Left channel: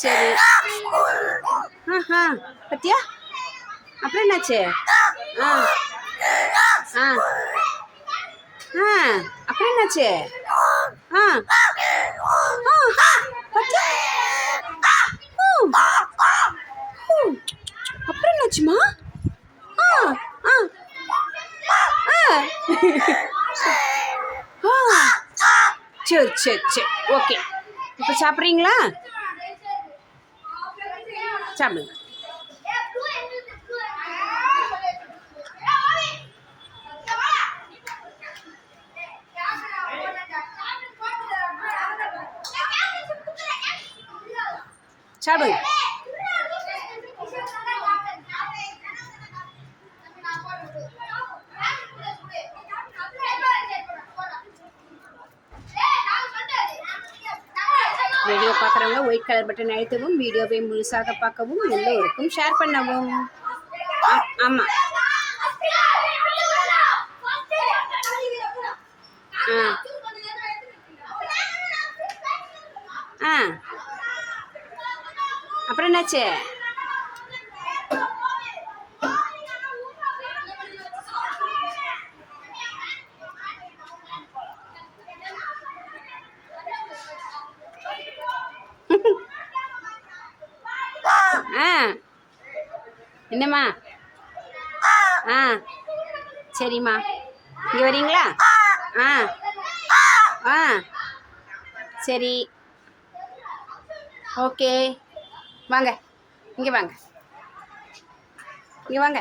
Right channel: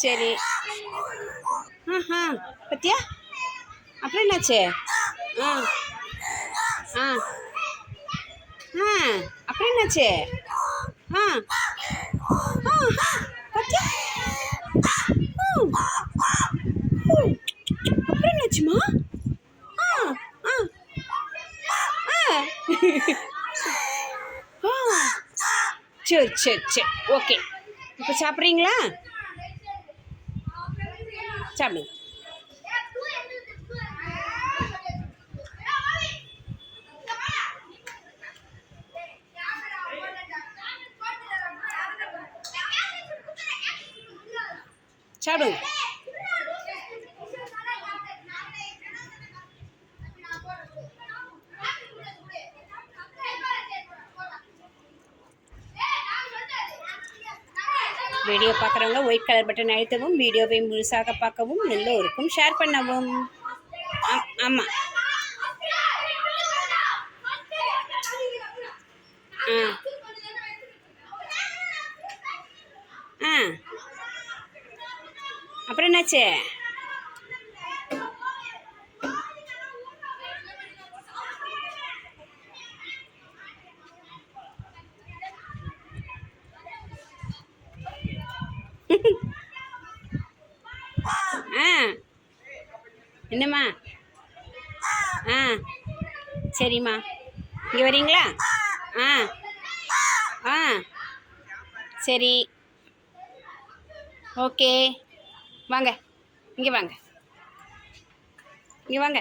சரி ஆஹா பத்தியா அப்புறம் என்னாச்சு ஆ ஆ ஆ அப்புறம் என்னாச்சு ஆ பத்தியா அப்புறம் என்னாச்சுமா ஆ ஆ ஆ ஆ சரி சரி சரி. ஓகே இப்போ சாப்பிட்றீங்களா? சாப்பிடுங்க. சாப்பிடுங்க. வீடியோ பார்க்குறவங்க ஒயிட் கலர் பட்டன் அழுத்தவும் வீடியோவை முழுசாக பார்க்கவும் எல்லோருக்கும் ஷேர் பண்ணவும். ஆ- ஆ. ஆ. அப்புறம் என்னாச்சு? என்னம்மா? ஆ சரிம்மா. இங்கே வரீங்களா? ஆ ஆ சரி. ஓகே. வாங்க. இங்கே வாங்க. இங்கே வாங்க.